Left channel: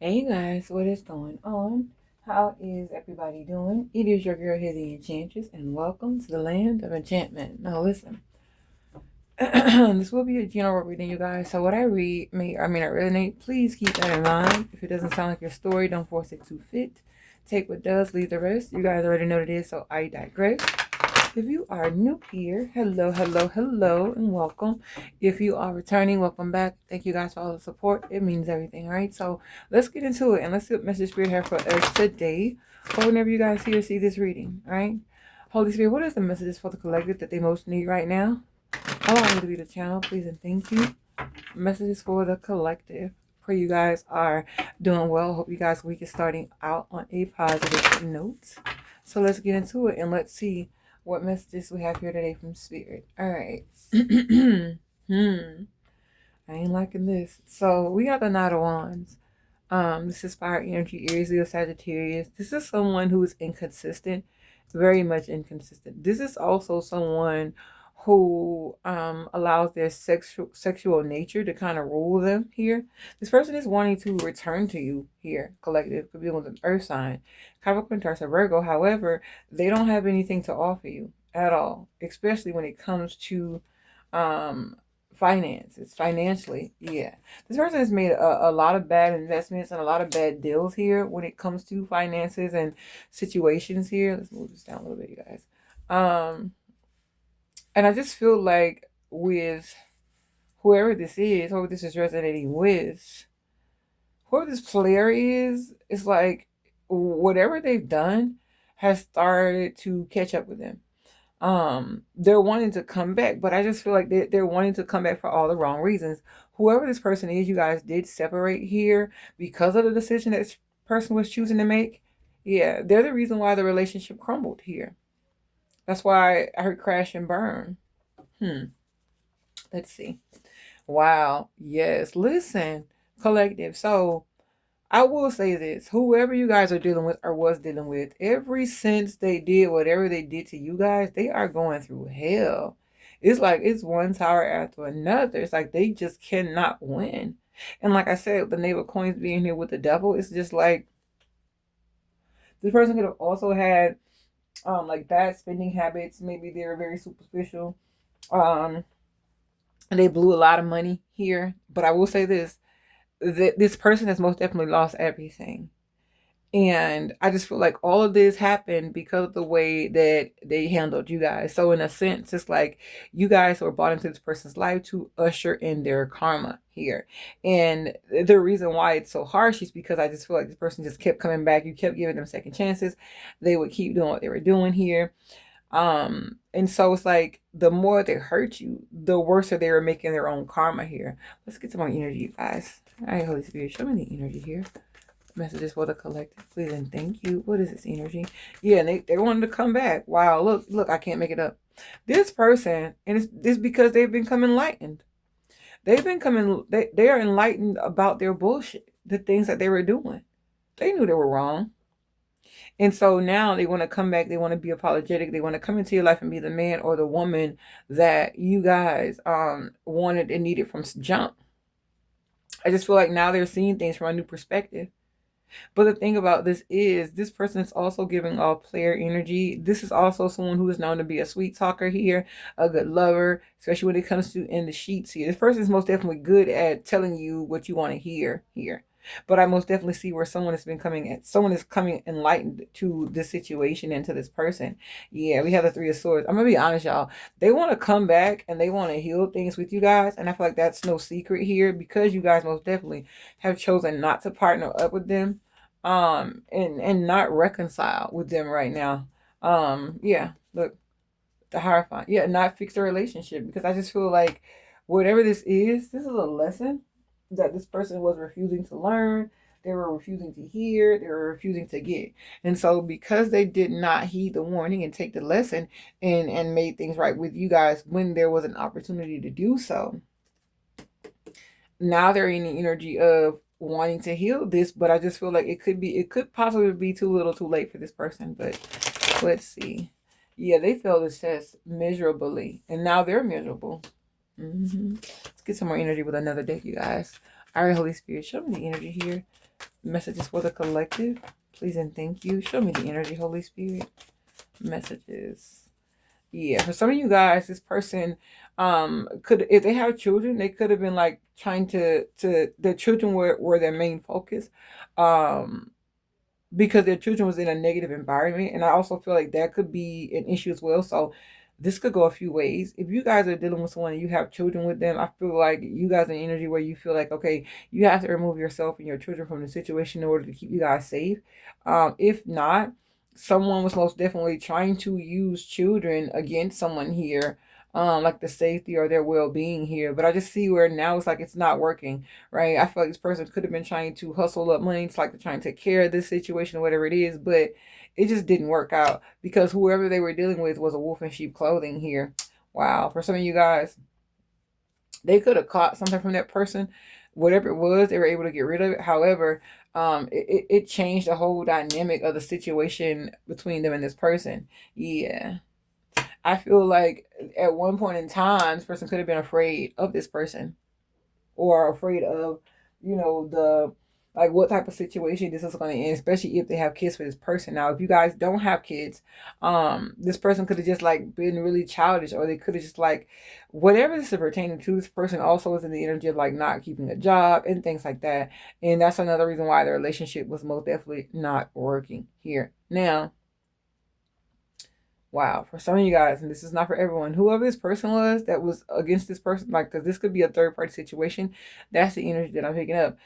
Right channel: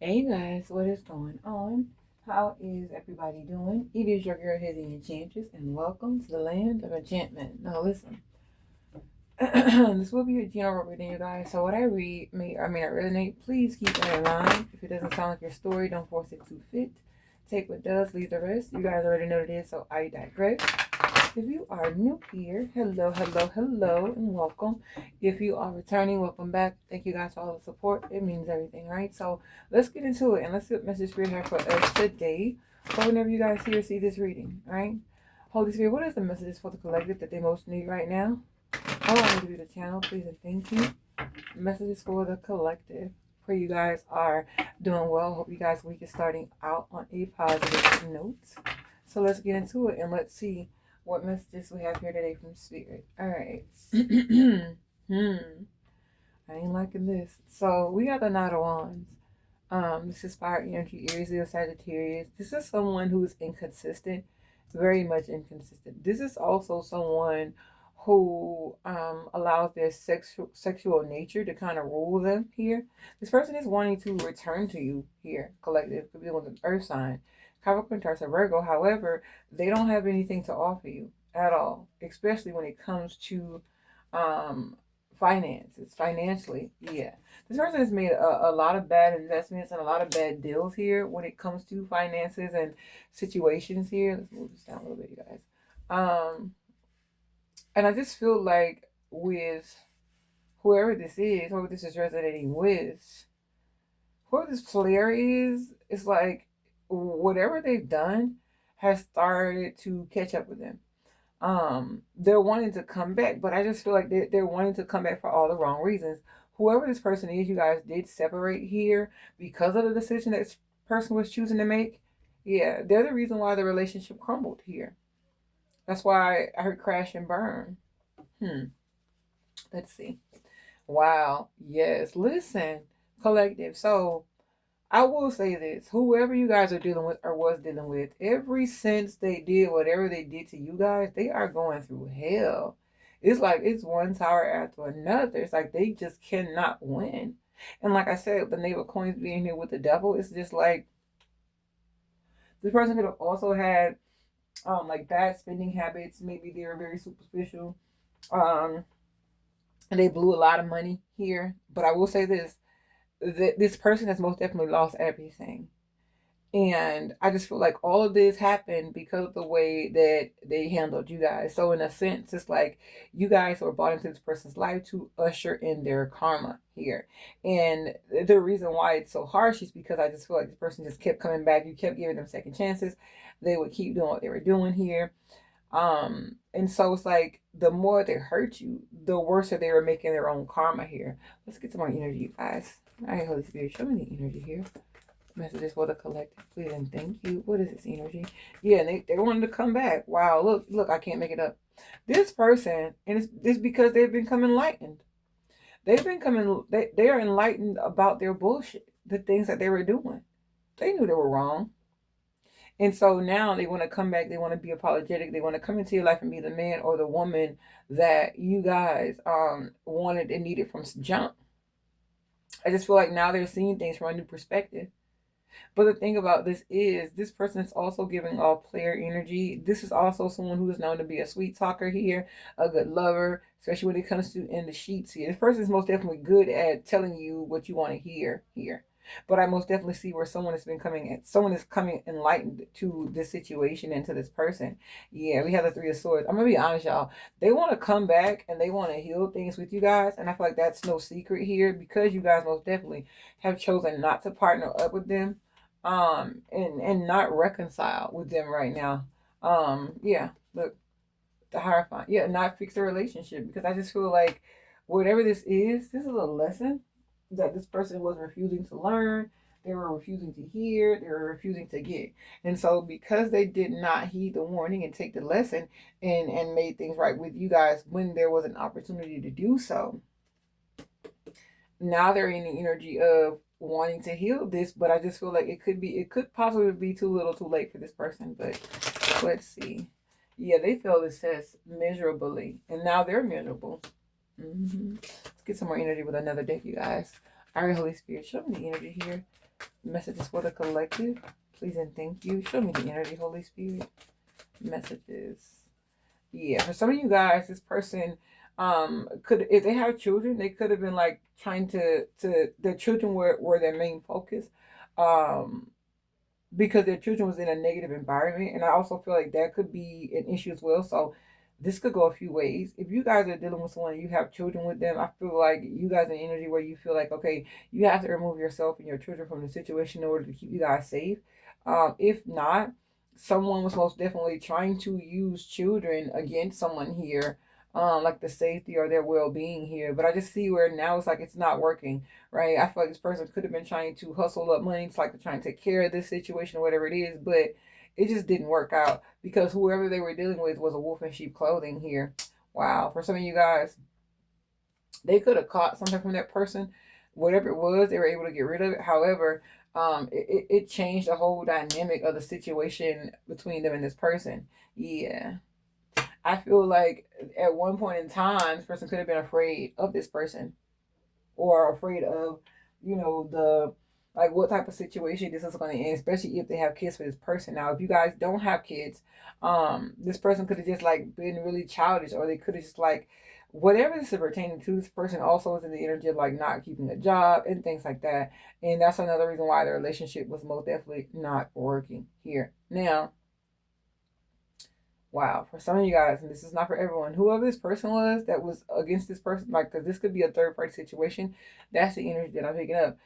Hey guys, what is going on? How is everybody doing? It is your girl here, the Enchantress, and welcome to the land of enchantment. Now listen, this will be a general reading, you guys. So what I read may or may not resonate. Please keep that in mind. If it doesn't sound like your story, don't force it to fit. Take what does, leave the rest. You guys already know what it is, so I digress. If you are new here, hello, hello, hello, and welcome. If you are returning, welcome back. Thank you guys for all the support. It means everything, right? So let's get into it and let's see what message Spirit have for us today. Or whenever you guys see or see this reading, right? Holy Spirit, what is the messages for the collective that they most need right now? Allow me to be the channel, please, and thank you. Messages for the collective. Pray you guys are doing well. Hope you guys' week is starting out on a positive note. So let's get into it and let's see what messages we have here today from Spirit. All right. I ain't liking this. So we got the Knight of Wands. This is fire energy, Aries, Leo, Sagittarius. This is someone who is inconsistent, very much inconsistent. This is also someone who allows their sexual nature to kind of rule them here. This person is wanting to return to you here, collective. Could be with an earth sign, Capricorn, Taurus, or Virgo. However, they don't have anything to offer you at all, especially when it comes to um finances, financially. Yeah, this person has made a lot of bad investments and a lot of bad deals here when it comes to finances and situations here. Let's move this down a little bit, you guys. And I just feel like with whoever this is resonating with, whoever this player is, it's like whatever they've done has started to catch up with them. They're wanting to come back, but I just feel like they're wanting to come back for all the wrong reasons. Whoever this person is, you guys did separate here because of the decision that this person was choosing to make. Yeah, they're the reason why the relationship crumbled here. That's why I heard crash and burn. Hmm. Let's see. Wow. Yes. Listen, collective. So I will say this, whoever you guys are dealing with or was dealing with, ever since they did whatever they did to you guys, they are going through hell. It's like it's one tower after another. It's like they just cannot win. And like I said, the Knave of Coins being here with the devil, it's just like this person could have also had like bad spending habits. Maybe they were very superficial. Um and they blew a lot of money here. But I will say this, that this person has most definitely lost everything. And I just feel like all of this happened because of the way that they handled you guys. So in a sense, it's like you guys were brought into this person's life to usher in their karma here. And the reason why it's so harsh is because I just feel like this person just kept coming back. You kept giving them second chances. They would keep doing what they were doing here. And so it's like the more they hurt you, the worse they were making their own karma here. Let's get some more energy, you guys. All right, Holy Spirit, show me the energy here. Messages for the collective, please and thank you. What is this energy? Yeah, and they wanted to come back. Wow, look, I can't make it up. This person, and it's because they've become enlightened. They've been coming. They are enlightened about their bullshit, the things that they were doing. They knew they were wrong, and so now they want to come back. They want to be apologetic. They want to come into your life and be the man or the woman that you guys wanted and needed from jump. I just feel like now they're seeing things from a new perspective. But the thing about this is, this person is also giving off player energy. This is also someone who is known to be a sweet talker here, a good lover, especially when it comes to in the sheets here. This person is most definitely good at telling you what you want to hear here. But I most definitely see where someone has been coming at. Someone is coming enlightened to this situation and to this person. Yeah, we have the Three of Swords. I'm gonna be honest, y'all. They want to come back and they want to heal things with you guys, and I feel like that's no secret here because you guys most definitely have chosen not to partner up with them and not reconcile with them right now. Yeah, look, the Hierophant. Yeah, not fix the relationship because I just feel like whatever this is a lesson that this person was refusing to learn. They were refusing to hear. They were refusing to get. And so because they did not heed the warning and take the lesson and made things right with you guys when there was an opportunity to do so, now they're in the energy of wanting to heal this, but I just feel like it could possibly be too little too late for this person. But let's see. Yeah, they failed this test miserably, and now they're miserable. Let's get some more energy with another deck, you guys. All right, Holy Spirit, show me the energy here. Messages for the collective. Please and thank you. Show me the energy, Holy Spirit. Messages. Yeah, for some of you guys, this person could, if they have children, they could have been like trying to their children were their main focus. Um because their children was in a negative environment, and I also feel like that could be an issue as well. So this could go a few ways. If you guys are dealing with someone and you have children with them, I feel like you guys are in energy where you feel like, okay, you have to remove yourself and your children from the situation in order to keep you guys safe. If not, someone was most definitely trying to use children against someone here, like the safety or their well-being here. But I just see where now it's like it's not working, right? I feel like this person could have been trying to hustle up money. It's like they're trying to take care of this situation or whatever it is, but it just didn't work out because whoever they were dealing with was a wolf in sheep clothing here. Wow. For some of you guys, they could have caught something from that person. Whatever it was, they were able to get rid of it. However, it changed the whole dynamic of the situation between them and this person. Yeah. I feel like at one point in time, this person could have been afraid of this person or afraid of, the like what type of situation this is going to end, especially if they have kids with this person. Now, if you guys don't have kids, this person could have just like been really childish, or they could have just like whatever this is pertaining to. This person also is in the energy of like not keeping a job and things like that, and that's another reason why the relationship was most definitely not working here. Now, wow, for some of you guys, and this is not for everyone, whoever this person was that was against this person, like, because this could be a third party situation, that's the energy that I'm picking up.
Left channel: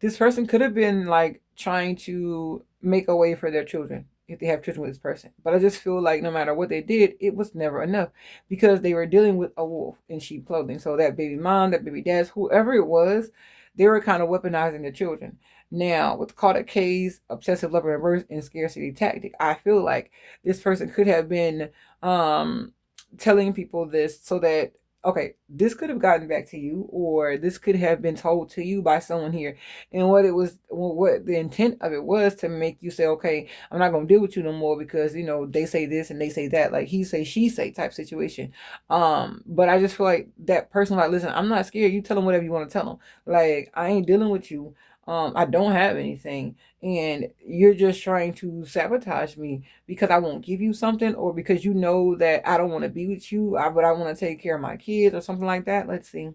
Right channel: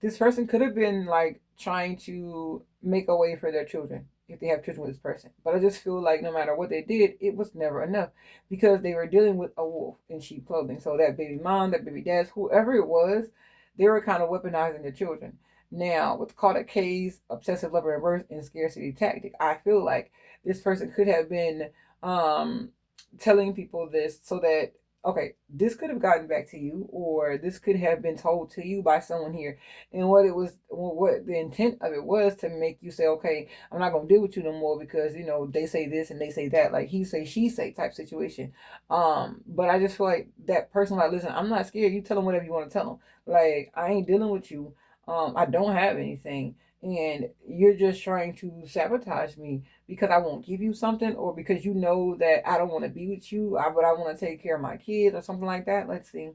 This person could have been like trying to make a way for their children if they have children with this person. But I just feel like no matter what they did, it was never enough because they were dealing with a wolf in sheep clothing. So that baby mom, that baby dad, whoever it was, they were kind of weaponizing their children. Now, what's called a case, obsessive lover reverse, and scarcity tactic, I feel like this person could have been telling people this so that, okay, this could have gotten back to you, or this could have been told to you by someone here. And what the intent of it was to make you say, okay, I'm not going to deal with you no more because, they say this and they say that, like he say, she say type situation. But I just feel like that person, like, listen, I'm not scared. You tell them whatever you want to tell them. Like, I ain't dealing with you. I don't have anything, and you're just trying to sabotage me because I won't give you something, or because you know that I don't want to be with you, but I want to take care of my kids or something like that. Let's see.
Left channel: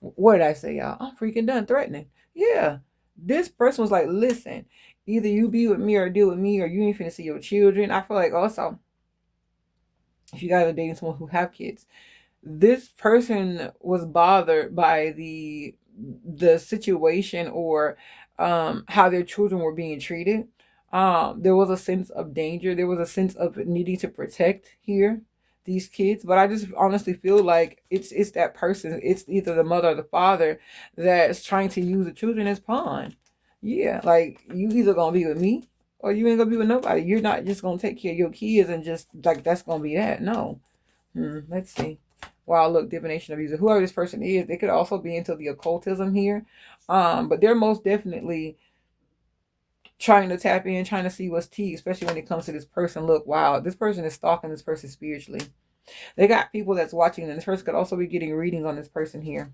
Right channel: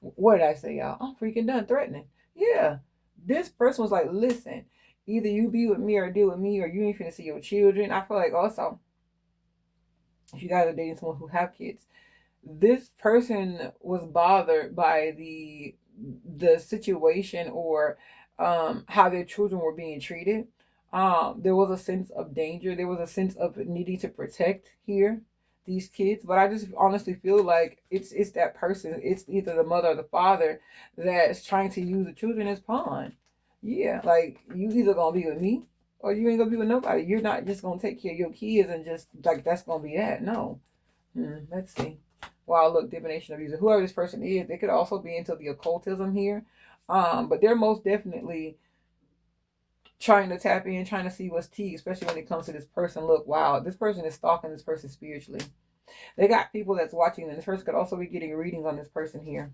What did I say, y'all? I'm freaking done threatening. Yeah. This person was like, listen, either you be with me or deal with me, or you ain't finna see your children. I feel like also, if you guys are dating someone who have kids, this person was bothered by the situation, or how their children were being treated. There was a sense of danger. There was a sense of needing to protect here these kids. But I just honestly feel like it's that person. It's either the mother or the father that's trying to use the children as pawn. Yeah, like you either gonna be with me or you ain't gonna be with nobody. You're not just gonna take care of your kids and just like that's gonna be that. No. Let's see. Wow, look, divination of user. Whoever this person is, they could also be into the occultism here. But they're most definitely trying to tap in, trying to see what's tea, especially when it comes to this person. Look, wow, this person is stalking this person spiritually. They got people that's watching, and this person could also be getting readings on this person here.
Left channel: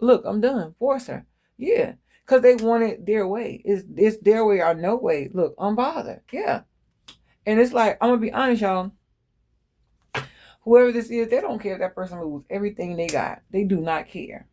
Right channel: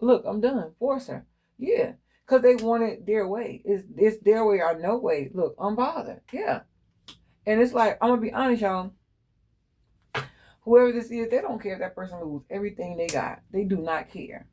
Look, I'm done. Forcer. Yeah. Because they want it their way. It's their way or no way. Look, I'm bothered. Yeah. And it's like, I'm gonna be honest, y'all. Whoever this is, they don't care if that person lose everything they got. They do not care.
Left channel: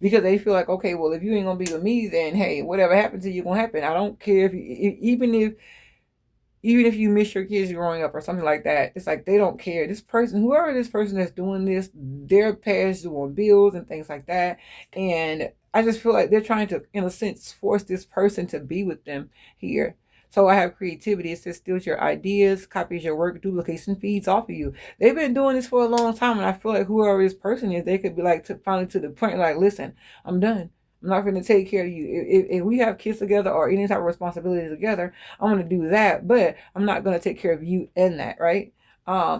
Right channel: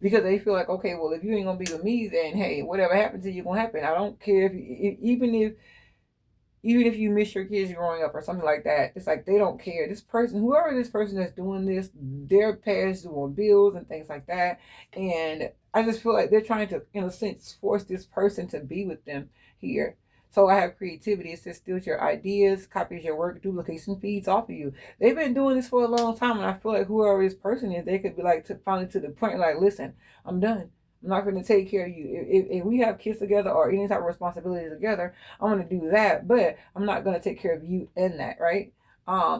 Because they feel like, okay, well, if you ain't gonna be with me, then hey, whatever happens to you gonna happen. I don't care even if you miss your kids growing up or something like that. It's like they don't care. This person, whoever this person that's doing this, they're past doing bills and things like that. And I just feel like they're trying to, in a sense, force this person to be with them here. So I have creativity. It says steals your ideas, copies your work, duplicates and feeds off of you. They've been doing this for a long time, and I feel like whoever this person is, they could be like finally to the point, like, listen, I'm done. I'm not going to take care of you. If we have kids together or any type of responsibility together, I'm going to do that, but I'm not going to take care of you in that, right?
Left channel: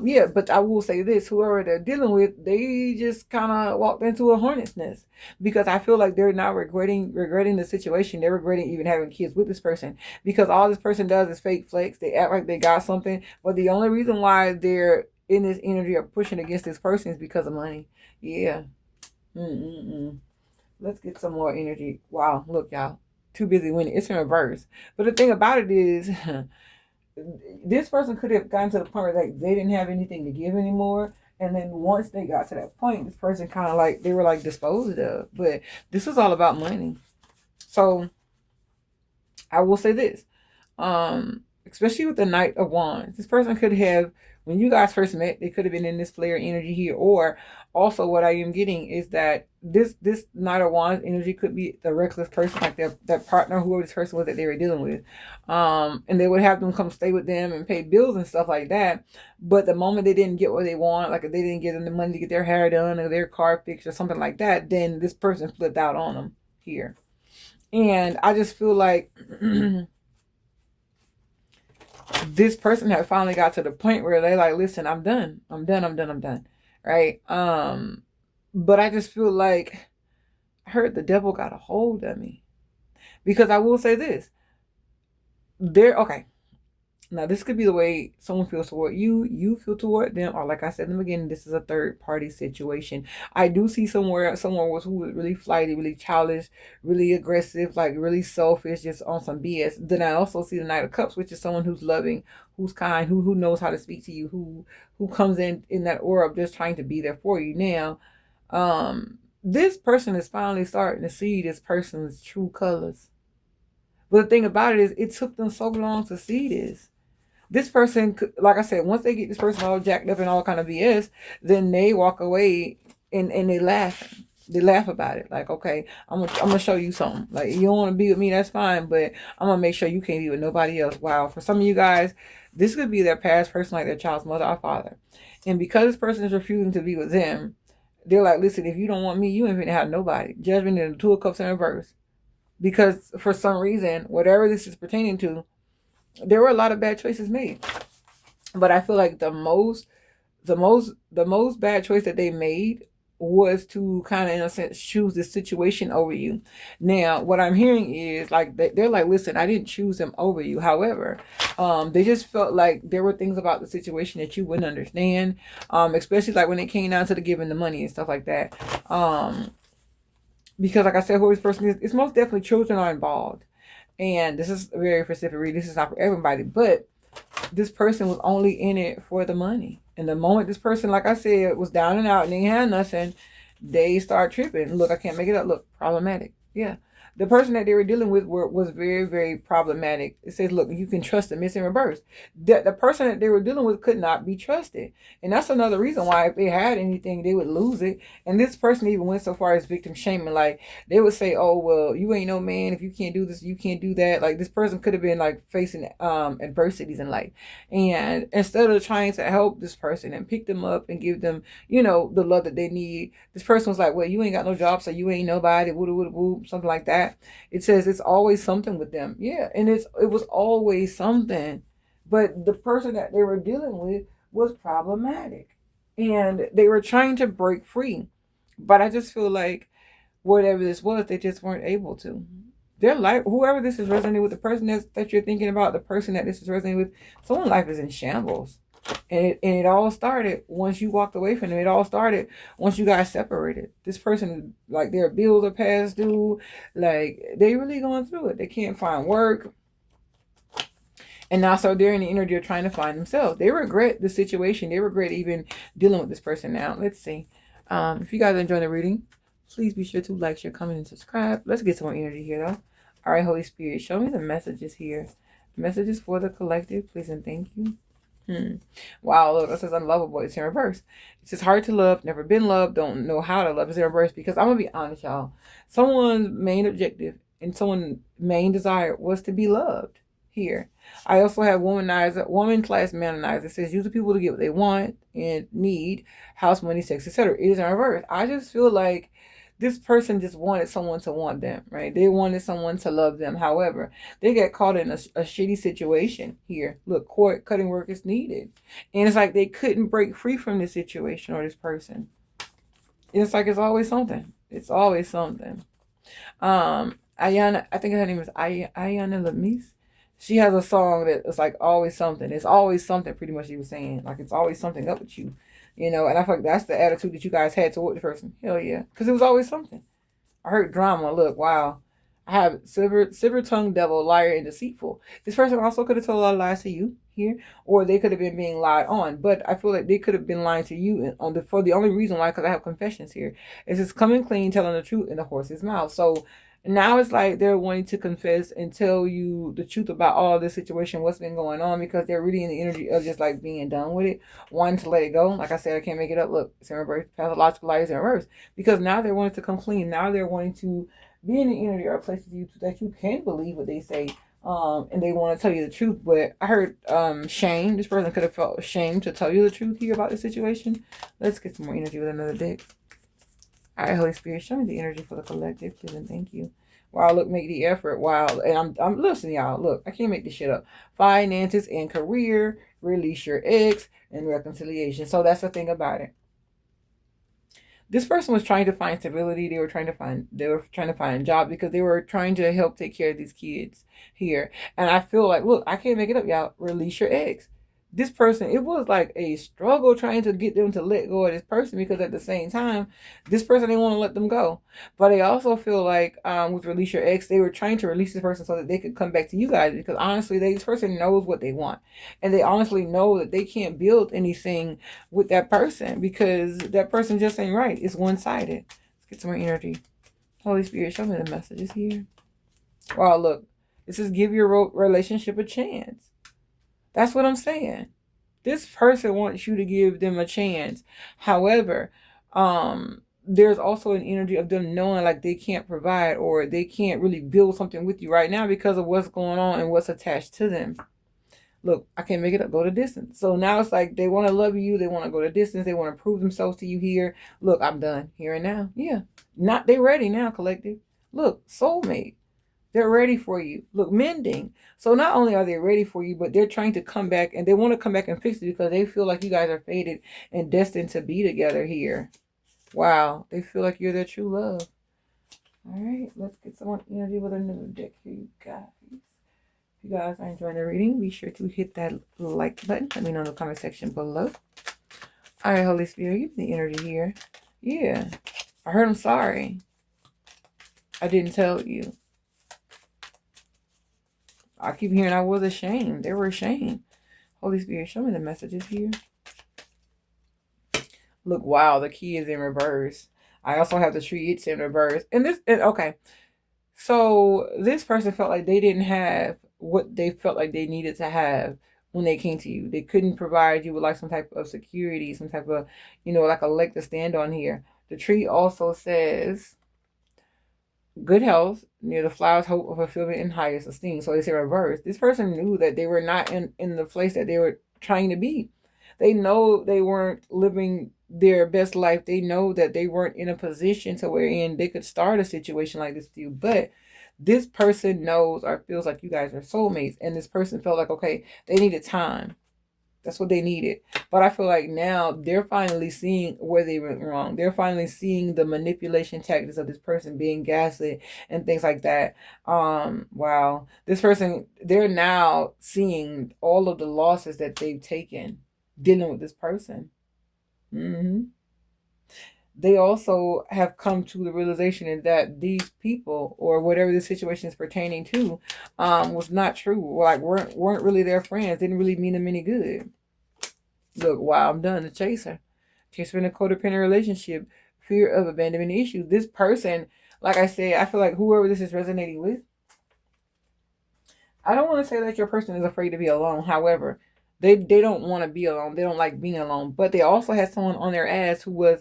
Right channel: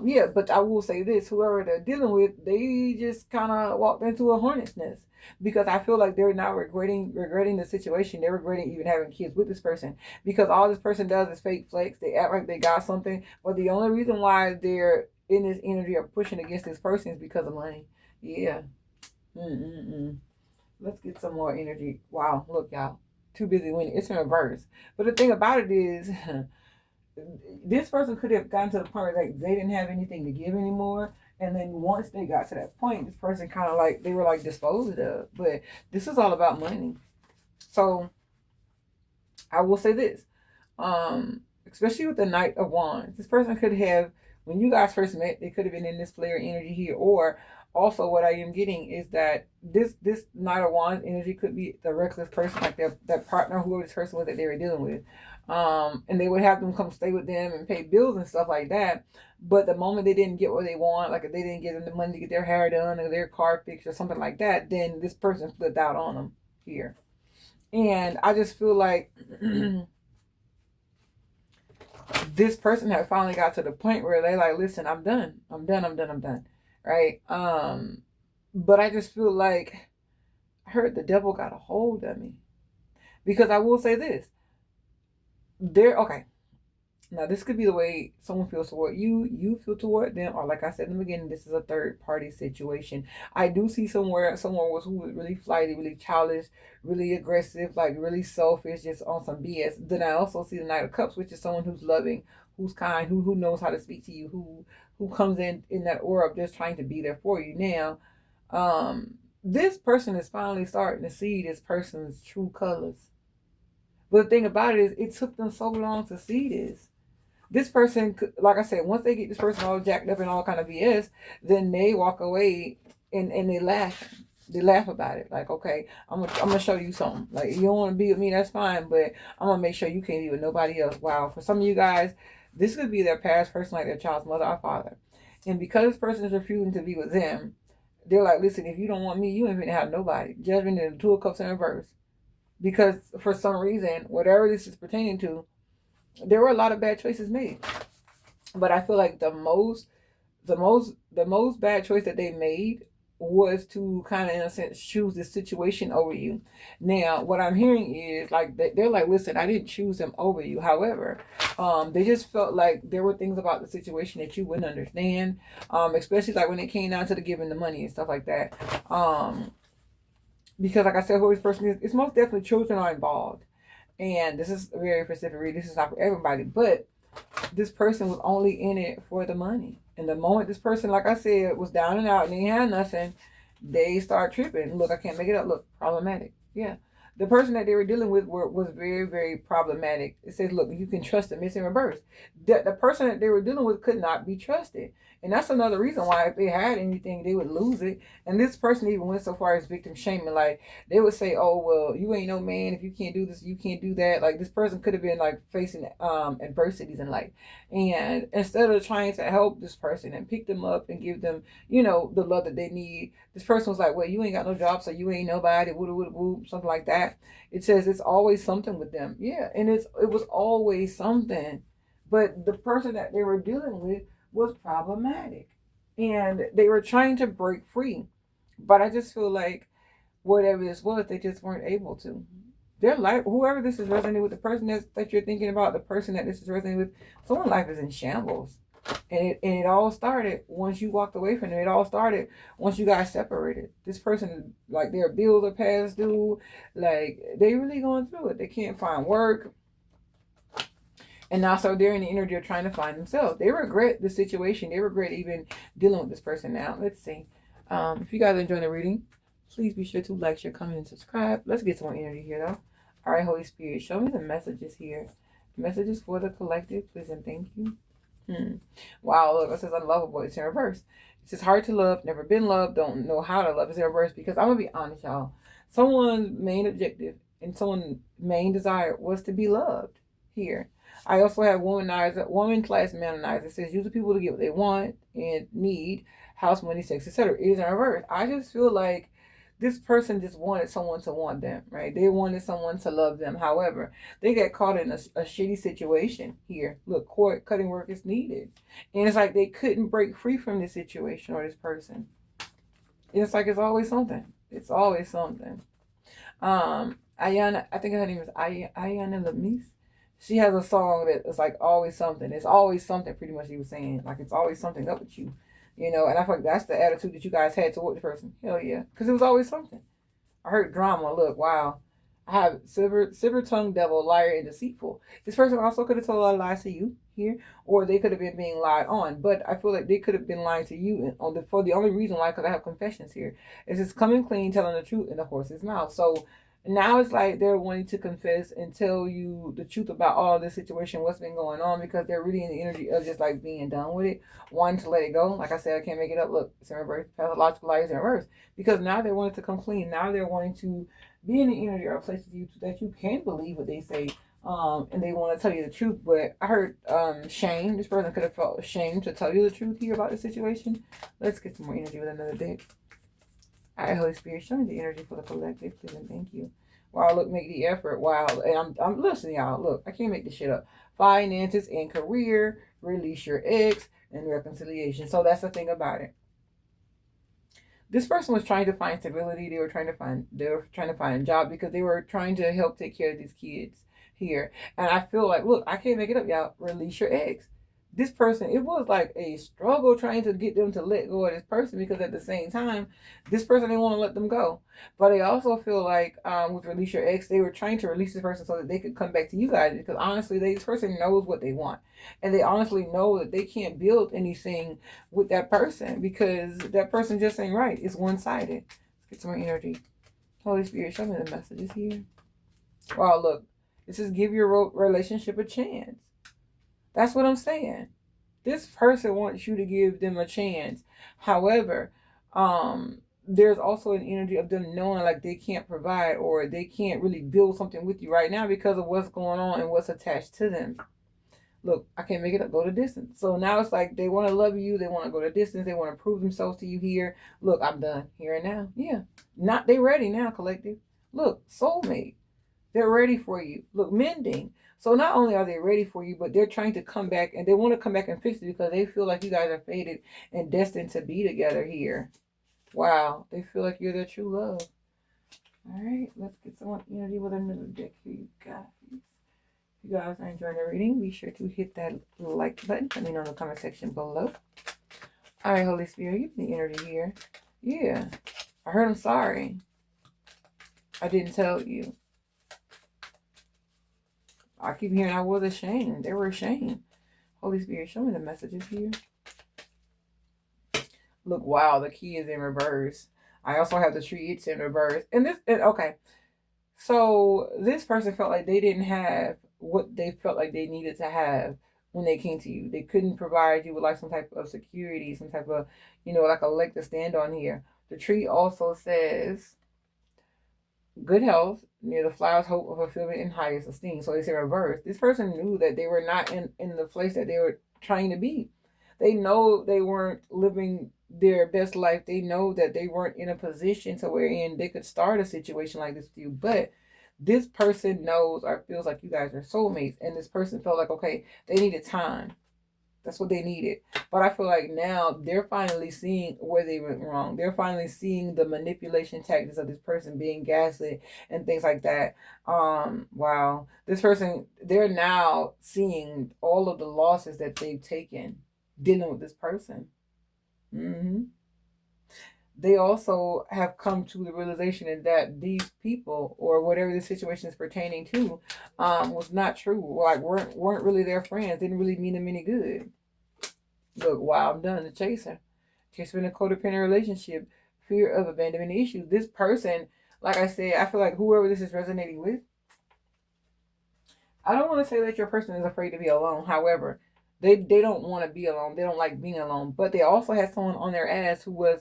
Yeah, but I will say this, whoever they're dealing with, they just kind of walked into a hornet's nest because I feel like they're not regretting the situation. They're regretting even having kids with this person because all this person does is fake flex. They act like they got something, but the only reason why they're in this energy of pushing against this person is because of money. Yeah. Mm-mm-mm. Let's get some more energy. Wow, look, y'all. too busy winning. It's in reverse. But the thing about it is, this person could have gotten to the point where like they didn't have anything to give anymore. And then once they got to that point, this person kind of like they were like disposed of. But this is all about money. So I will say this, especially with the Knight of Wands, this person could have, when you guys first met, they could have been in this flare energy here. Or also, what I am getting is that this Knight of Wands energy could be the reckless person, like their partner, whoever this person was that they were dealing with, and they would have them come stay with them and pay bills and stuff like that. But the moment they didn't get what they want, like if they didn't get them the money to get their hair done or their car fixed or something like that, then this person flipped out on them here. And I just feel like this person had finally got to the point where they like, listen, I'm done. I'm done. I'm done. I'm done. Right. But I just feel like I heard the devil got a hold of me. Because I will say this. Okay. Now, this could be the way someone feels toward you, you feel toward them, or like I said in the beginning, this is a third party situation. I do see someone who was really flighty, really childish, really aggressive, like really selfish, just on some BS. Then I also see the Knight of Cups, which is someone who's loving, who's kind, who knows how to speak to you, who comes in that aura of just trying to be there for you. Now, this person is finally starting to see this person's true colors. But the thing about it is, it took them so long to see this. This person, like I said, once they get this person all jacked up and all kind of BS, then they walk away and they laugh. They laugh about it. Like, okay, I'm gonna show you something. Like, you don't want to be with me, that's fine, but I'm gonna make sure you can't be with nobody else. Wow, for some of you guys, this could be their past person, like their child's mother or father. And because this person is refusing to be with them, they're like, listen, if you don't want me, you ain't gonna have nobody. Judgment and the Two of Cups in reverse. Because for some reason, whatever this is pertaining to, there were a lot of bad choices made. But I feel like the most bad choice that they made was to kind of, in a sense, choose this situation over you. Now, what I'm hearing is like they're like, listen, I didn't choose them over you. However, they just felt like there were things about the situation that you wouldn't understand, especially like when it came down to the giving the money and stuff like that. Because like I said, who this person is, it's most definitely children are involved. And this is a very specific reading. This is not for everybody, but this person was only in it for the money. And the moment this person, like I said, was down and out and they had nothing, they start tripping. Look, I can't make it up. Look, problematic. Yeah. The person that they were dealing with was very, very problematic. It says, look, you can trust them. It's in reverse. The person that they were dealing with could not be trusted. And that's another reason why if they had anything, they would lose it. And this person even went so far as victim shaming. Like, they would say, oh, well, you ain't no man. If you can't do this, you can't do that. Like, this person could have been, like, facing adversities in life. And instead of trying to help this person and pick them up and give them, the love that they need, this person was like, well, you ain't got no job, so you ain't nobody, woo, something like that. It says it's always something with them. Yeah, and it was always something. But the person that they were dealing with was problematic. And they were trying to break free. But I just feel like whatever this was, they just weren't able to. Their life, whoever this is resonating with, the person that you're thinking about, the person that this is resonating with, someone's life is in shambles. And it all started once you walked away from them. It all started once you guys separated. This person, like, their bills are past due. Like, they really going through it. They can't find work. And now, so they're in the energy of trying to find themselves. They regret the situation. They regret even dealing with this person now. Let's see. If you guys enjoy the reading, please be sure to like, share, comment, and subscribe. Let's get some more energy here, though. All right, Holy Spirit, show me the messages here. Messages for the collective, please and thank you. Wow, look, this is unlovable. It's in reverse. It's just hard to love, never been loved, don't know how to love. It's in reverse because I'm going to be honest, y'all. Someone's main objective and someone's main desire was to be loved here. I also have womanizer, woman class manonizer. It says use the people to get what they want and need, house, money, sex, etc. It is in reverse. I just feel like this person just wanted someone to want them, right? They wanted someone to love them. However, they got caught in a shitty situation here. Look, cord cutting work is needed. And it's like they couldn't break free from this situation or this person. It's like it's always something. It's always something. Ayana, I think her name is Ayana Lamise. She has a song that is like always something. It's always something, pretty much she was saying. Like it's always something up with you. And I feel like that's the attitude that you guys had toward the person. Hell yeah. Because it was always something. I heard drama. Look, wow. I have silver tongued devil, liar, and deceitful. This person also could have told a lot of lies to you here, or they could have been being lied on. But I feel like they could have been lying to you on for the only reason why, because I have confessions here. It's just coming clean, telling the truth in the horse's mouth. So now it's like they're wanting to confess and tell you the truth about all this situation, what's been going on, because they're really in the energy of just like being done with it, wanting to let it go. Like I said, I can't make it up. Look, it's in reverse. Pathological lies in reverse, because now they're wanting to come clean. Now they're wanting to be in the energy or places you that you can believe what they say, and they want to tell you the truth. But I heard shame. This person could have felt ashamed to tell you the truth here about the situation. Let's get some more energy with another deck. All right, Holy Spirit, show me the energy for the collective, please, and thank you. Wow, look, make the effort. Wow, and I'm listening, y'all. Look, I can't make this shit up. Finances and career, release your ex, and reconciliation. So that's the thing about it. This person was trying to find stability. They were trying to find a job, because they were trying to help take care of these kids here. And I feel like, look, I can't make it up, y'all. Release your ex. This person, it was like a struggle trying to get them to let go of this person, because at the same time, this person didn't want to let them go. But I also feel like with release your ex, they were trying to release this person so that they could come back to you guys, because honestly, this person knows what they want, and they honestly know that they can't build anything with that person, because that person just ain't right. It's one-sided. Let's get some more energy. Holy Spirit, show me the messages here. Wow, look, this is give your relationship a chance. That's what I'm saying. This person wants you to give them a chance. However, there's also an energy of them knowing like they can't provide, or they can't really build something with you right now because of what's going on and what's attached to them. Look, I can't make it up. Go to distance. So now it's like they want to love you. They want to go to distance. They want to prove themselves to you here. Look, I'm done here and now. Yeah. Not they ready now, collective. Look, soulmate. They're ready for you. Look, mending. So not only are they ready for you, but they're trying to come back, and they want to come back and fix it, because they feel like you guys are fated and destined to be together here. Wow. They feel like you're their true love. All right. Let's get some energy with another deck here, you guys. If you guys are enjoying the reading, be sure to hit that like button. Let me know in the comment section below. All right, Holy Spirit, give me the energy here. Yeah. I heard I'm sorry. I didn't tell you. I keep hearing I was ashamed. They were ashamed. Holy Spirit, show me the messages here. Look, wow, the key is in reverse. I also have the tree, it's in reverse. Okay. So this person felt like they didn't have what they felt like they needed to have when they came to you. They couldn't provide you with like some type of security, some type of, like a leg to stand on here. The tree also says good health, near the flowers, hope of fulfillment and highest esteem. So it's in reverse. This person knew that they were not in the place that they were trying to be. They know they weren't living their best life. They know that they weren't in a position to wherein they could start a situation like this with you. But this person knows or feels like you guys are soulmates. And this person felt like, okay, they needed time. That's what they needed. But I feel like now they're finally seeing where they went wrong. They're finally seeing the manipulation tactics of this person being gaslit and things like that. Wow. This person, they're now seeing all of the losses that they've taken dealing with this person. They also have come to the realization that these people, or whatever the situation is pertaining to, was not true. Like weren't really their friends. Didn't really mean them any good. Look, wow, I'm done. The chaser in a codependent relationship, fear of abandonment issues. This person, like I said, I feel like whoever this is resonating with, I don't want to say that your person is afraid to be alone. However, they don't want to be alone. They don't like being alone. But they also had someone on their ass who was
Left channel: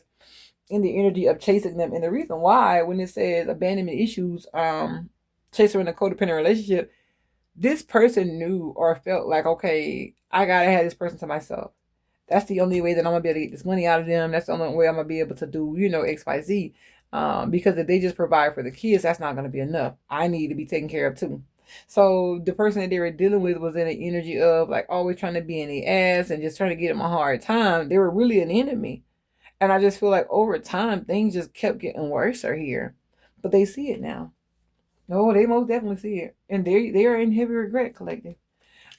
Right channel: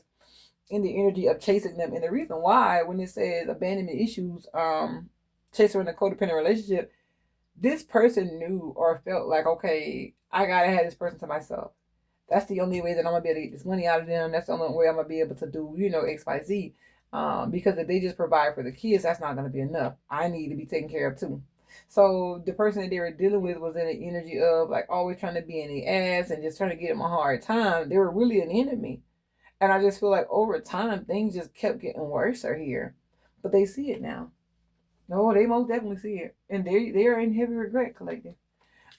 in the energy of chasing them. And the reason why, when it says abandonment issues, chaser in a codependent relationship, this person knew or felt like, okay, I gotta have this person to myself. That's the only way that I'm gonna be able to get this money out of them. That's the only way I'm gonna be able to do, XYZ. Because if they just provide for the kids, that's not gonna be enough. I need to be taken care of too. So the person that they were dealing with was in an energy of like always trying to be in the ass and just trying to get them a hard time. They were really an enemy. And I just feel like over time, things just kept getting worse here. But they see it now. No, they most definitely see it. And they are in heavy regret, collective.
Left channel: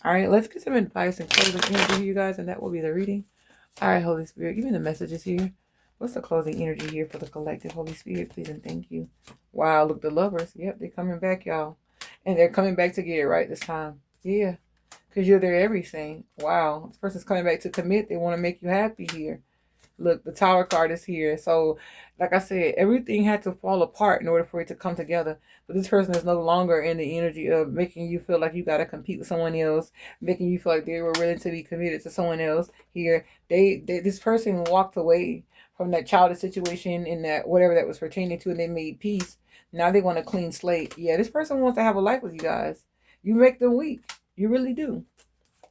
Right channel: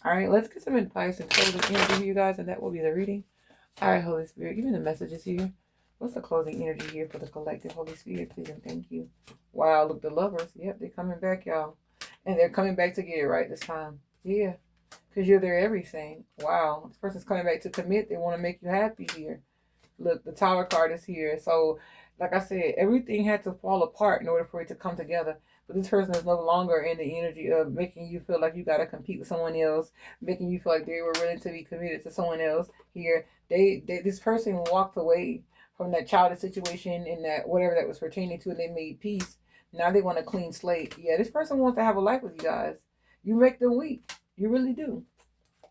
All right, let's get some advice and close the energy, you guys, and that will be the reading. All right, Holy Spirit, give me the messages here. What's the closing energy here for the collective? Holy Spirit, please and thank you. Wow, look, the lovers. Yep, they're coming back, y'all. And they're coming back to get it right this time. Yeah, because you're their everything. Wow, this person's coming back to commit. They want to make you happy here. Look, the Tower card is here. So, like I said, everything had to fall apart in order for it to come together. But this person is no longer in the energy of making you feel like you got to compete with someone else, making you feel like they were willing to be committed to someone else. Here, this person walked away from that childish situation and that whatever that was pertaining to, and they made peace. Now they want a clean slate. Yeah, this person wants to have a life with you guys. You make them weak. You really do.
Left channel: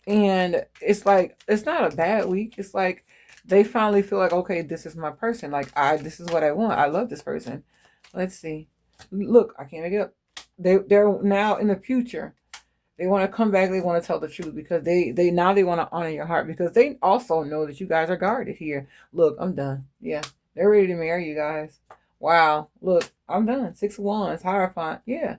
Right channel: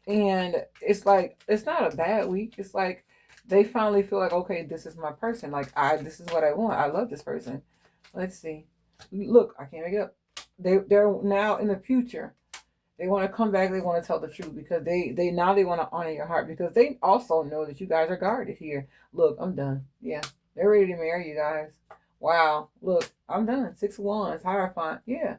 And it's like, it's not a bad week. It's like they finally feel like, okay, this is my person. Like, this is what I want. I love this person. Let's see. Look, I can't make it up. They're now in the future. They want to come back. They want to tell the truth because they now they want to honor your heart because they also know that you guys are guarded here. Look, I'm done. Yeah, they're ready to marry you guys. Wow. Look, I'm done. 6 of Wands, Hierophant. Yeah.